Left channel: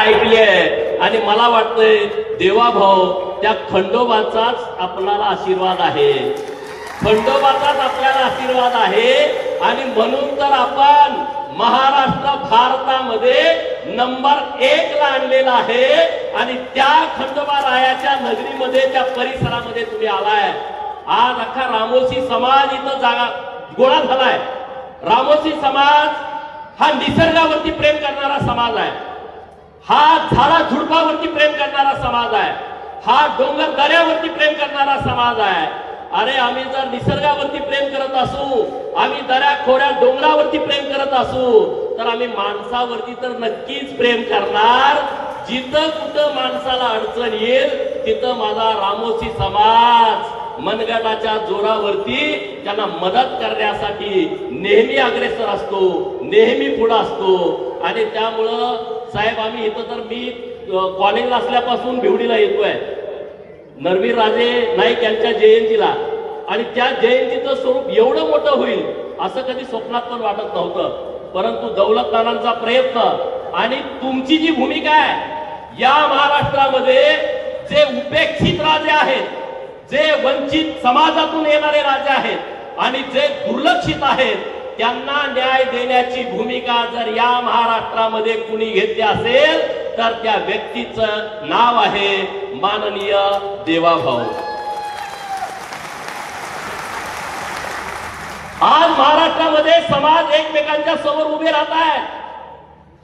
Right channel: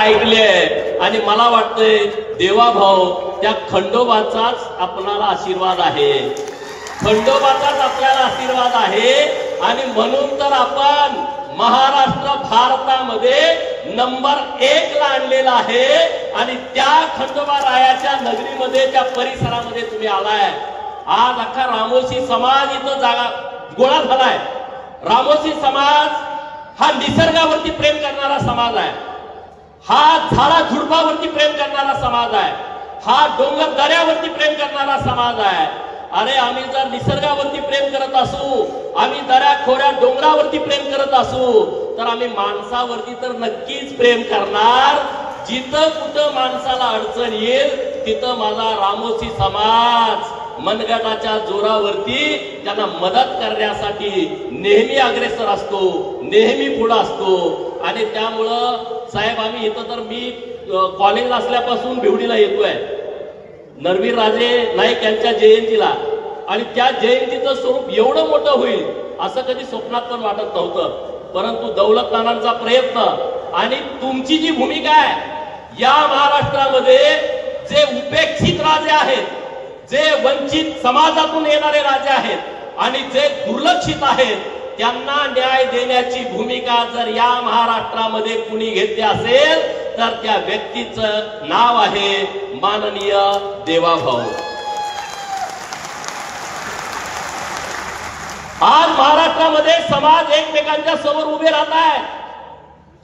ऐकली आहे आणि मला वाटतंय देवाभाऊ त्या खंडोबाचाच आपल्याला आशीर्वाद आहे, खंडोबाचाच आपल्याला आशीर्वाद आहे. आणि म्हणून तर आपण महाराष्ट्र भारतामध्ये नंबर 1 ला आणलेला आहे. आणि त्या खंडोबा रायाच्या नगरीमध्ये त्या परिसरामध्ये तुम्ही आलाय. आज अख्खा रामोशी समाज इथं जागा गोळा झालाय. रामोशी समाज हा निसर्गावरती प्रेम करणारा समाज आहे, हा झाडा झुडपावरती प्रेम करणारा समाज आहे, हा डोंगर दऱ्यावरती प्रेम करणारा समाज आहे. अरे आम्ही जर निसर्गावरती प्रेम करत असू, आम्ही दऱ्या खोऱ्या डोंगरावरती प्रेम करत असू, तर आम्ही माणसावरती तर नक्कीच प्रेम करणार. जिथं कुठं माणसाला अडचण येईल तिथं माझा रामोशी समाज मनगटाच्या जोरावरती त्यांना मदत करण्यासाठी नेहमी अग्रेसर असतो, नेहमी पुढे असतो. आणि त्यामुळं साहेब आम्ही इथं तर मी कॉलेजला असल्यापासून भिवडीला येतोय नरवीर राजे नाईक यांच्या जयंतीला. आणि त्या जयंतीचं स्वरूप एवढं मोठं होईल असं कधी स्वप्नात पण वाटत नव्हतं. परंतु दौलत नानांचा प्रयत्न आणि तुमची जी भूमिका आहे या महाराष्ट्रामध्ये, जे उपेक्षित राजे आहेत, जे वंचित समाजातून येणारे राजे आहेत आणि जे दुर्लक्षित आहेत, त्यांना न्याय देण्याची भूमिका जर या महाराष्ट्रामध्ये कुणी घेतली असेल तर त्या व्यक्तीचं नाव आहे माननीय देवाभाऊ. आज महाराष्ट्रामध्ये समाज एकमेकांच्या समोर उभे राहत आहे.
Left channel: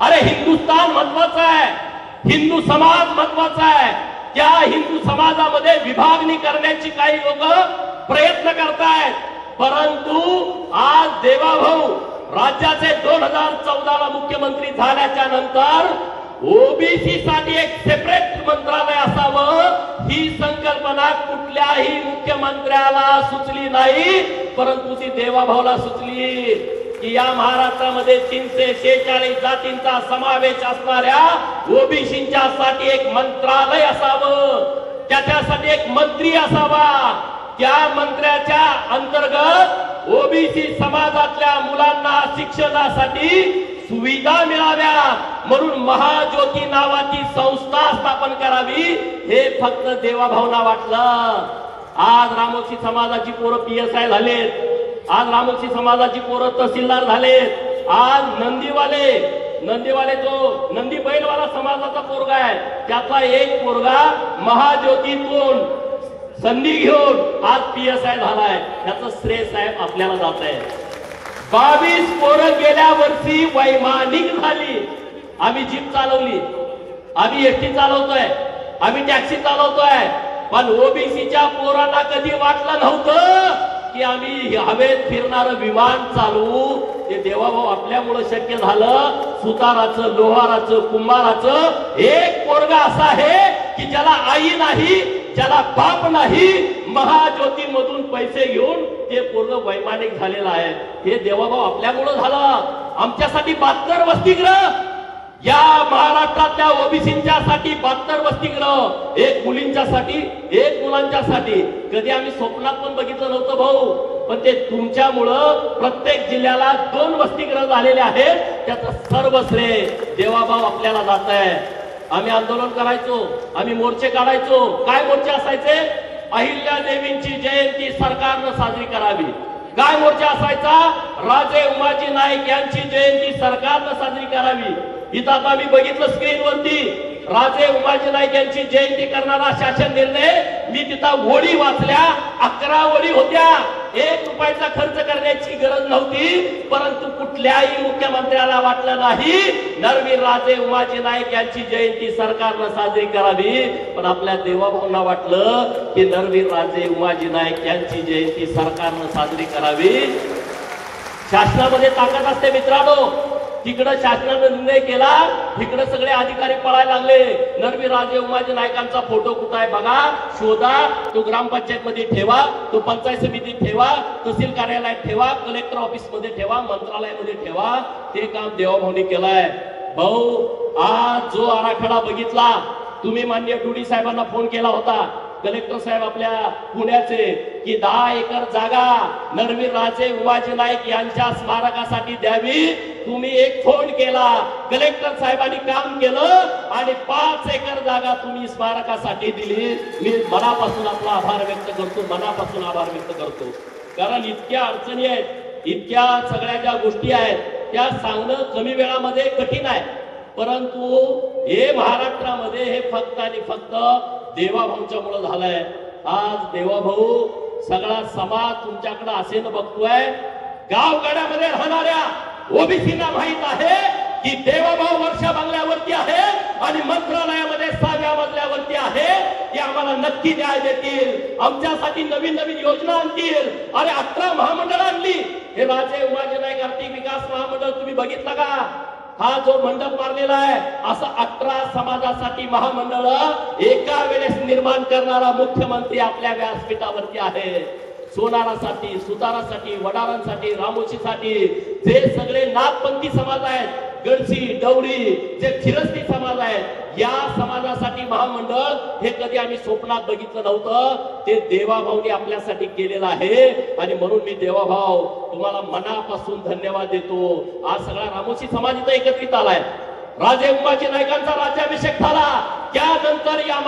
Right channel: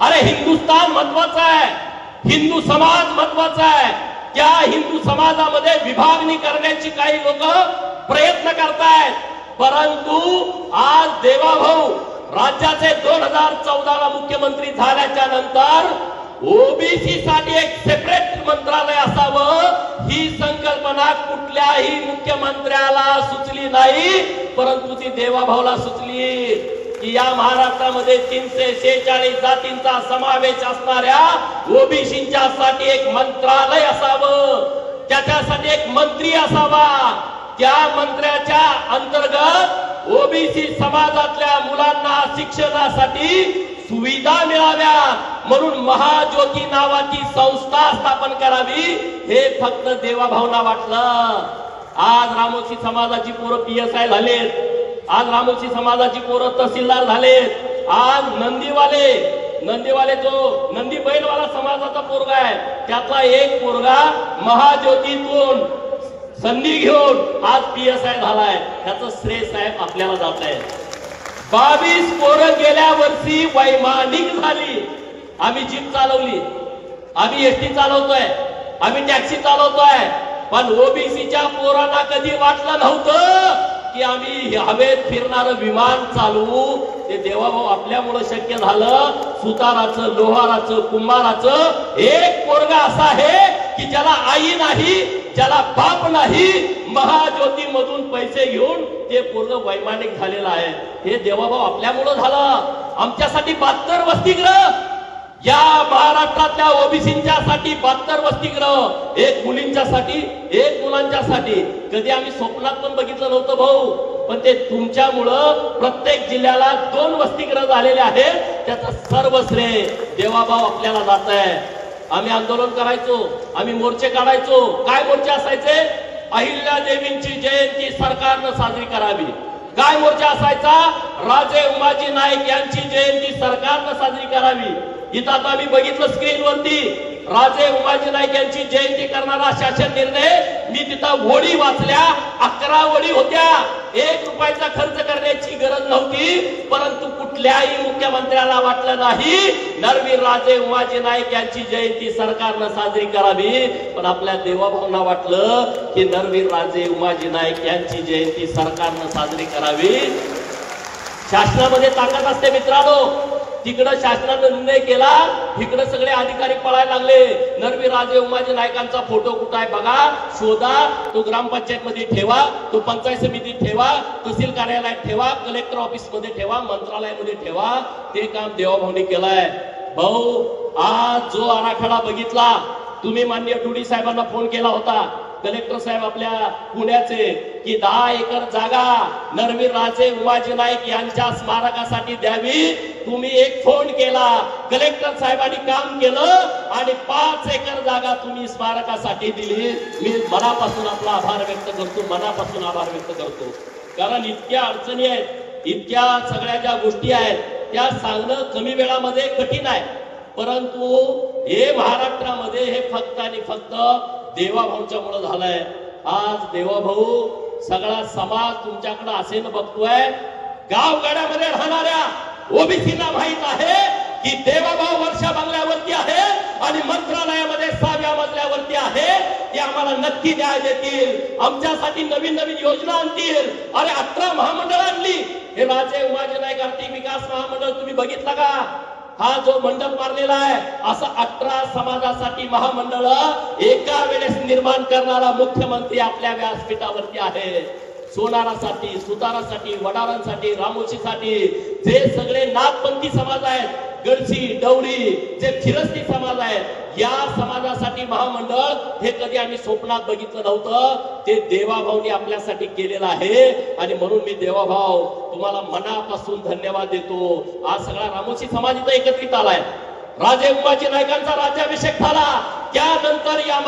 अरे हिंदुस्थान महत्वाचा आहे, हिंदू समाज महत्वाचा आहे. त्या हिंदू समाजामध्ये विभागणी करण्याची काही लोक प्रयत्न करतायत. परंतु आज देवाभाऊ राज्याचे 2014 ला मुख्यमंत्री झाल्याच्या नंतर ओबीसी साठी एक सेपरेट मंत्रालय असावं ही संकल्पना कुठल्याही मुख्यमंत्र्याला सुचली नाही, परंतु ती देवाभाऊला सुचली की या महाराष्ट्रामध्ये 346 जातींचा समावेश असणाऱ्या ओबीसींच्या साठी एक मंत्रालय असावं, त्याच्यासाठी एक मंत्री असावा. त्या मंत्र्याच्या अंतर्गत ओबीसी समाजातल्या मुलांना शिक्षणासाठी सुविधा मिळाव्या म्हणून महाज्योती नावाची संस्था स्थापन करावी हे फक्त देवाभाऊला वाटलं. आज रामोशी समाजाची पोरं PSI झालेत, आज रामोशी समाजाची पोरं तहसीलदार झालेत. आज नंदीवाले जो नंदी बैलवाला समाजाचा पोरगा आहे त्याचा एक पोरगा महाज्योतीतून संधी घेऊन आज PSI झालाय. त्याचं श्रेय साहेब आपल्याला जात आहे. 22 पोरं गेल्या वर्षी वैमानिक झाली. आम्ही जीप चालवली, आम्ही एसटी चालवतोय, आम्ही टॅक्सी चालवतोय. पण ओबीसीच्या पोरांना कधी वाटलं नव्हतं की आम्ही हवेत फिरणारं विमान चालवू. ते देवाभाऊ आपल्यामुळे शक्य झालं. सुताराचं, लोहाराचं, कुंभाराचं एक पोरगा असा आहे की ज्याला आई नाही, ज्याला बाप नाही, महाज्योती मधून पैसे घेऊन ते पोरग वैमानिक झालेलं आहे. हे देवाभाऊ आपल्यामुळे झालं. आमच्यासाठी 72 वसतिगृह, या महाराष्ट्रातल्या ओबीसींच्या साठी 72 वसतिगृह, एक मुलींच्यासाठी, एक मुलांच्यासाठी. कधी आम्ही स्वप्नात पण बघितलं नव्हतं भाऊ, पण ते तुमच्यामुळं प्रत्येक जिल्ह्याला 2 वसतिगृह झालेले आहेत. त्याचं सर्व श्रेय देवाभाऊ आपल्याला जात आहे. आम्ही आंदोलन करायचो, आम्ही मोर्चे काढायचो. काय मोर्चे असायचे? अहिल्या देवींची जयंती सरकारनं साजरी करावी. काय मोर्चा असायचा? राजे उमाजी नाईक यांची जयंती सरकारनं साजरी करावी. इथं आता आम्ही बघितलं स्क्रीनवरती राजे उमाजी नाईक यांची जयंती करणारा शासन निर्णय. मी तिथं वडी वाचल्या, 11 वडी होत्या. 1 रुपयाचा खर्च करण्याची गरज नव्हती. परंतु कुठल्याही मुख्यमंत्र्याला वाटलं नाही नरवीर राजे उमाजी नाईक यांची जयंती सरकारनं साजरी करावी. पण आपल्या देवाभाऊंना वाटलं की नरवीर राजे उमाजी नाईक यांची जयंती सरकारनं साजरी करावी. शासनामध्ये ताकद असते मित्रांनो. तिकडे शासनाने निर्णय केला, तिकडे सगळे अधिकारी पळायला लागले. नरवीर राजे उमाजी नाईकांचा फोटो कुठे आहे बघा, शोधा, तो ग्रामपंचायत मध्ये ठेवा, तो पंचायत समितीत ठेवा, तहसील कार्यालयात ठेवा, कलेक्टर ऑफिस मध्ये ठेवा, मंत्रालयामध्ये ठेवा. ते काम देवाभाऊने केलंय. भाऊ आज जो आराखडा बघितला तुम्ही माननीय टुडी साहेबांना फोन केला होता, कलेक्टर साहेब आपल्या पुण्याचे, की 10 एकर जागा नरवीर राजे उमाजी नाईक यांच्या स्मारकासाठी द्यावी. तुम्ही एक फोन केला, कलेक्टर साहेबांनी काम केलं आणि 5 एकर जागा तुम्ही स्मारकासाठी दिली. मी मनापासून आपला आभार व्यक्त करतो, मनापासून आभार व्यक्त करतो. कारण इतक्या अडचणी आहेत, इतक्या सगळ्या ज्या गोष्टी आहेत त्या सांगणं कमी वेळामध्ये कठीण आहे. परंतु हे महाराष्ट्रामध्ये हे फक्त आणि फक्त देवाभाऊच्या मुळे झालंय. आज देवाभाऊ सगळा समाज तुमच्याकडे असेन बघतोय. गावगाड्यामध्ये राहणाऱ्या ओबीसीना माहित आहे की देवाभाऊ वर्षा बंगल्यावरती आहे आणि मंत्रालयामध्ये 6व्या मजल्यावरती आहे. ते आम्हाला नक्की न्याय देतील, आमच्यासाठी नवीन नवीन योजना आणतील. अरे 18 महामंडळ आणली. हे राजे उमाजी नाईक आर्थिक विकास महामंडळ तुम्ही बघितलं का? हा जो मंडप मारलेला आहे असं 18 समाजासाठी महामंडळ एका वेळेस निर्माण करणारा मुख्यमंत्री आपल्या व्यासपीठावरती आहे. सोनारासाठी, सुतारासाठी, वडारांसाठी, रामोशीसाठी, जे सगळे नागपंथी समाज आहेत, गडसी, डवळी, जे फिरस्ती समाज आहेत, या समाजासाठी महामंडळ हे कधी आम्ही स्वप्नात बघितलं नव्हतं. ते देवाभाऊने आपल्यासाठी केलेलं आहे. आणि म्हणून मी देवाभाऊ तुम्हाला मनापासून धन्यवाद देतो. आज सगळा रामोशी समाज इथं एकत्रित आलाय. राजे उमाजी नाईकांचा राज्याभिषेक झाला. त्यानंतर या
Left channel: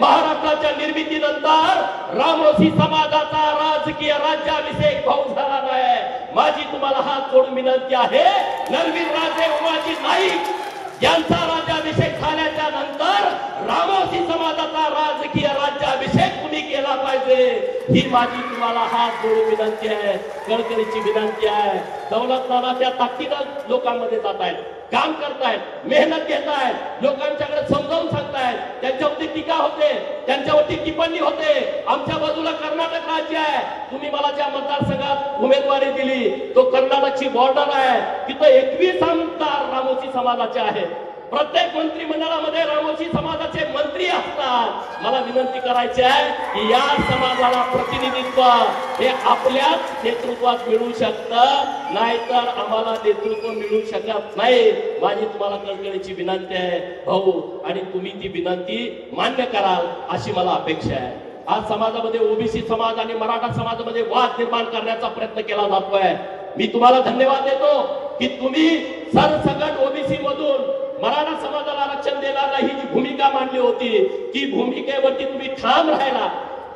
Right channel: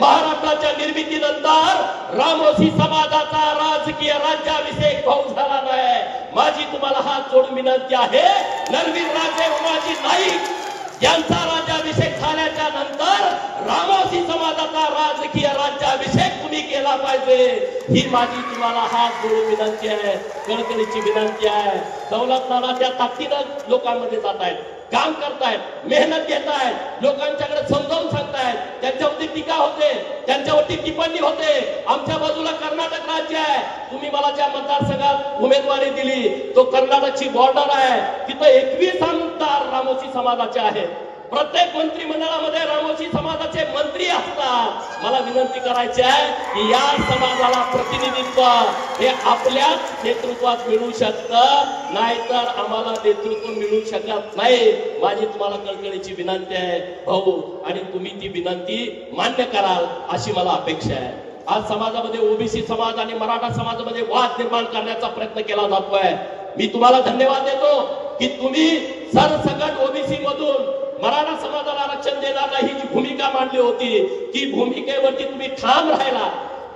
महाराष्ट्राच्या निर्मितीनंतर रामोशी समाजाचा राजकीय राज्याभिषेक भाऊ झाला नाही. माझी तुम्हाला हात जोडून विनंती आहे, नरवीर राजे उमाजी नाईक यांचा राज्याभिषेक झाल्याच्या नंतर रामोशी समाजाचा राजकीय राज्याभिषेक तुम्ही केला पाहिजे, ही माझी तुम्हाला हात जोडून विनंती आहे, कळकळीची विनंती आहे. दौलतरावाच्या ताकदीनं लोकांमध्ये जात आहेत, काम करतायत, मेहनत घेत आहेत, लोकांच्याकडे समजावून सांगतायत. त्यांच्यावरती टीका होते, त्यांच्यावरती टिप्पणी होते. आमच्या बाजूला कर्नाटक राज्य आहे. तुम्ही मला ज्या मतदारसंघात उमेदवारी दिली तो कर्नाटकची बॉर्डर आहे. तिथं 21 आमदार रामोशी समाजाचे आहेत. प्रत्येक मंत्रिमंडळामध्ये रामोशी समाजाचे मंत्री असतात. मला विनंती करायची आहे की या समाजाला प्रतिनिधित्व हे आपल्याच नेतृत्वात मिळू शकतं, नाहीतर आम्हाला नेतृत्व मिळू शकत नाही. माझी तुम्हाला कळकळीची विनंती आहे भाऊ, आणि तुम्ही ती विनंती मान्य कराल अशी मला अपेक्षा आहे. आज समाजामध्ये ओबीसी समाज आणि मराठा समाजामध्ये वाद निर्माण करण्याचा प्रयत्न केला जातोय. मी तुम्हाला धन्यवाद देतो की तुम्ही सरसकट ओबीसी मधून मराठा समाजाला आरक्षण देण्याला ही जी भूमिका मांडली होती, ती भूमिकेवरती तुम्ही ठाम राहिला.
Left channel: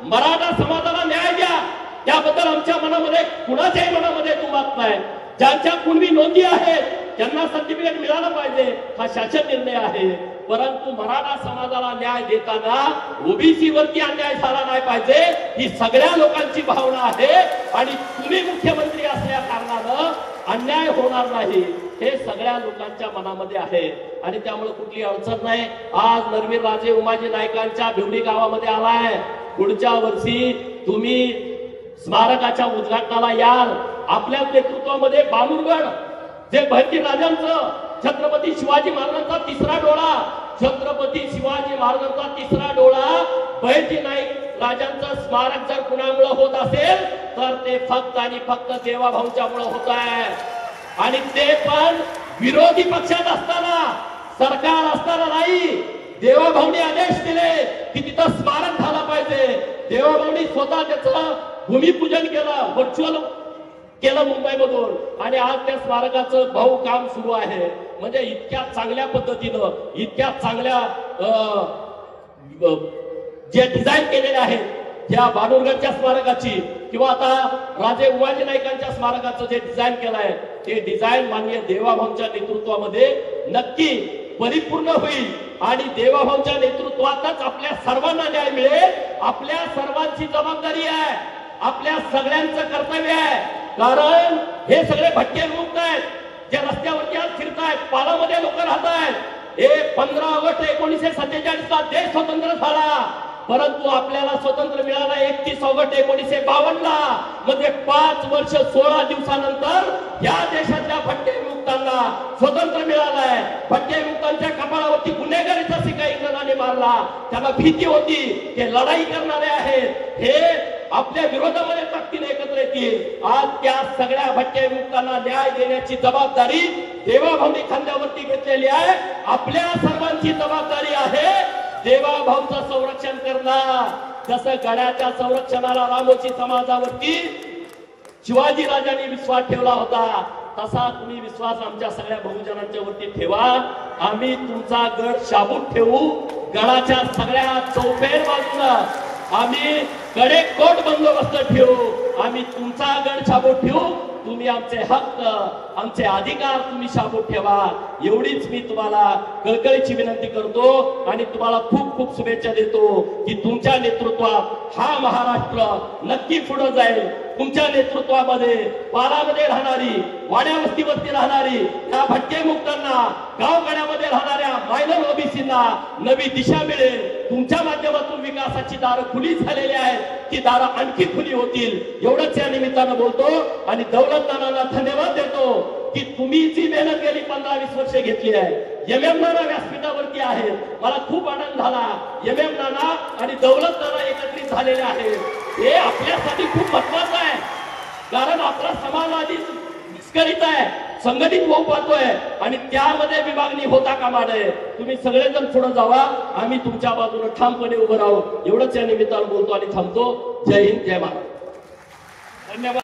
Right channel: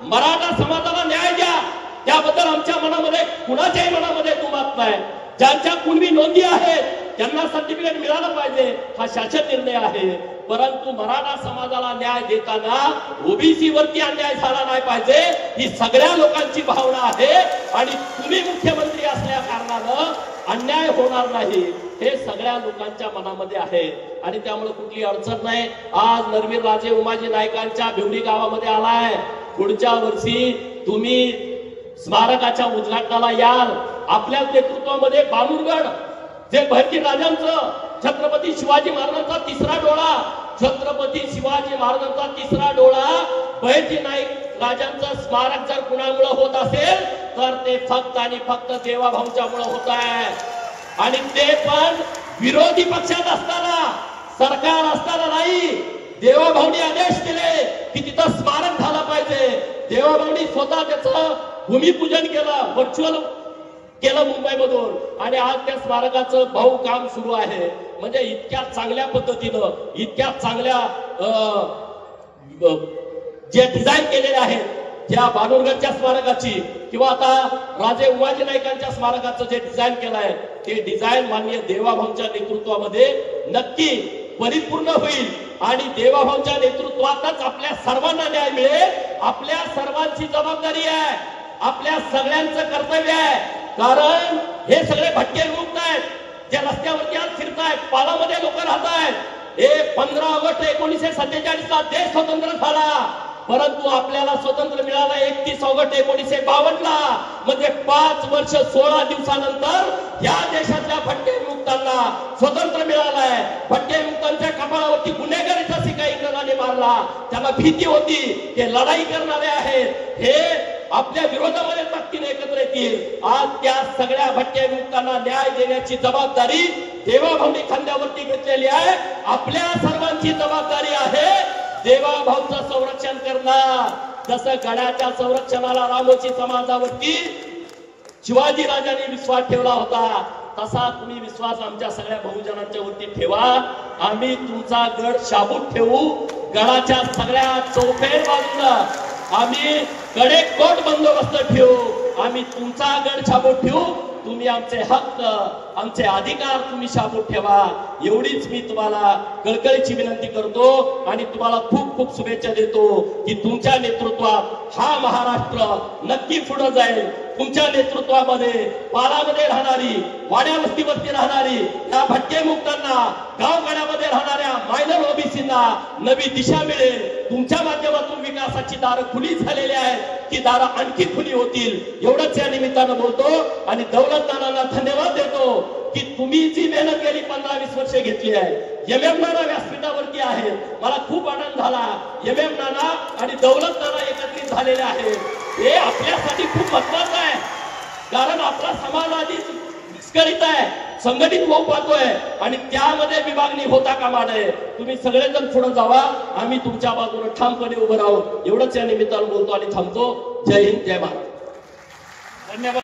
मराठा समाजाला न्याय द्या, त्याबद्दल आमच्या मनामध्ये कुणाच्याही मनामध्ये दुमत नाही. ज्यांच्या कुणबी नोंदी आहेत त्यांना सर्टिफिकेट मिळालं पाहिजे, हा शासन निर्णय आहे. परंतु मराठा समाजाला न्याय देताना ओबीसी वरती अन्याय झाला नाही पाहिजे, ही सगळ्या लोकांची भावना आहे. आणि तुम्ही मुख्यमंत्री असल्या कारणानं अन्याय होणार नाही हे सगळ्या लोकांच्या मनामध्ये आहे. आणि त्यामुळे कुठली अडचण नाही. आज नरवीर राजे उमाजी नाईकांच्या भिवडी गावामध्ये आलाय. पुढच्या वर्षी तुम्ही स्मारकाच्या उद्घाटनाला याल. आपल्या नेतृत्वामध्ये बालुरगड जे बहिर्जी राजांचं, छत्रपती शिवाजी महाराजांचा तिसरा डोळा, छत्रपती शिवाजी महाराजांचा तिसरा डोळा बहिर्जी नाईक राजांचं स्मारक जर कुणामुळे होत असेल तर ते फक्त आणि फक्त देवाभाऊच्यामुळे होत आहे. आणि ते पण विरोधी पक्षात असताना, सरकार असताना नाही. देवाभाऊनी आदेश दिले की तिथं स्मारक झालं पाहिजे. देवाभाऊनी स्वतः त्याचं भूमिपूजन केलं, व्हर्च्युअल केलं मुंबईमधून. आणि आज त्या स्मारकाचं भाऊ काम सुरू आहे. म्हणजे इतक्या चांगल्या पद्धतीनं, इतक्या चांगल्या जे डिझाईन केलेले आहेत त्या बालुरगडच्या स्मारकाची, किंवा आता राजे उमाजी नाईकांच्या स्मारकाचं जे डिझाईन केलं आहे ते डिझाईन माननीय देवाभाऊच्या नेतृत्वामध्ये नक्की परिपूर्ण होईल. आणि देवाभाऊच्या नेतृत्वातच आपल्या सर्वांना न्याय मिळेल. आपल्या सर्वांची जबाबदारी आहे, आपल्या सगळ्यांचं कर्तव्य आहे. कारण हे सगळे भटके ग्रुप आहेत जे रस्त्यावरती आज फिरतायत, पालामध्ये लोक राहत आहेत. हे 15 ऑगस्ट 1947 ला देश स्वतंत्र झाला, परंतु आपल्याला स्वतंत्र मिळालं 31 ऑगस्ट 1952 ला. म्हणजे 5 वर्ष 16 दिवसानंतर या देशातल्या भटके विमुक्तांना स्वतंत्र मिळालंय. भटके विमुक्तांच्या कपाळावरती गुन्हेगारीचा शिक्का इंग्रजांनी मारला. त्यांना भीती होती, ते लढाई करणारे आहेत, हे आपल्या विरोधामध्ये ताकदीने एकत्र येतील. आज त्या सगळ्या भटके विमुक्तांना न्याय देण्याची जबाबदारी देवाभाऊनी खांद्यावरती घेतलेली आहे. आपल्या सर्वांची जबाबदारी आहे देवाभाऊचं संरक्षण करणं. जसं गडाच्या संरक्षणाला रामोशी समाजावरती शिवाजी राजांनी विश्वास ठेवला होता, तसा तुम्ही विश्वास आमच्या सगळ्या बहुजनांच्या वरती ठेवा। आम्ही तुमचा गड शाबूत ठेवू, गडाच्या सगळ्या चौफेर बाजूला आम्ही कडेकोट बंदोबस्त ठेवू, आम्ही तुमचा गड शाबूत ठेवू, तुम्ही आमचे हक्क आमचे अधिकार तुम्ही शाबूत ठेवा, एवढीच मी तुम्हाला कळकळीची विनंती करतो आणि तुम्हाला खूप खूप शुभेच्छा देतो की तुमच्या नेतृत्वात हा महाराष्ट्र नक्की पुढे जाईल। तुमच्या नेतृत्वामध्ये पारामध्ये राहणारी, वाड्या वस्तीवरती राहणारी या भटके मुक्तांना, गावगाड्यामध्ये राहणाऱ्या मायनर ओबीसींना नवी दिशा मिळेल। तुमच्या माध्यमातून विकासाची दारं खुली झालेली आहेत, ती दारं आणखी खुली होतील, एवढंच या निमित्तानं बोलतो आणि दौलतदारांना धन्यवाद देतो की तुम्ही जी मेहनत गेली 15-20 वर्ष घेतली आहे। एमएम नाना व्यासपीठावरती आहे, मला खूप आनंद झाला। एमएम नाना आणि दौलत नाना एकत्रित झालेले आहेत, हे आपल्यासाठी खूप महत्वाचं आहे, कारण आपला समाजवादी विस्कळीत आहे, संघटित होऊ पाहतोय आणि त्यामध्ये विभागणी होता कामा नये। तुम्ही सगळेजण पुढे जावा, आम्ही तुमच्या बाजूने ठामपणे उभं राहू, एवढंच या निमित्तानं बोलतो आणि थांबतो। जय हिंद, जय भारत, धन्यवाद।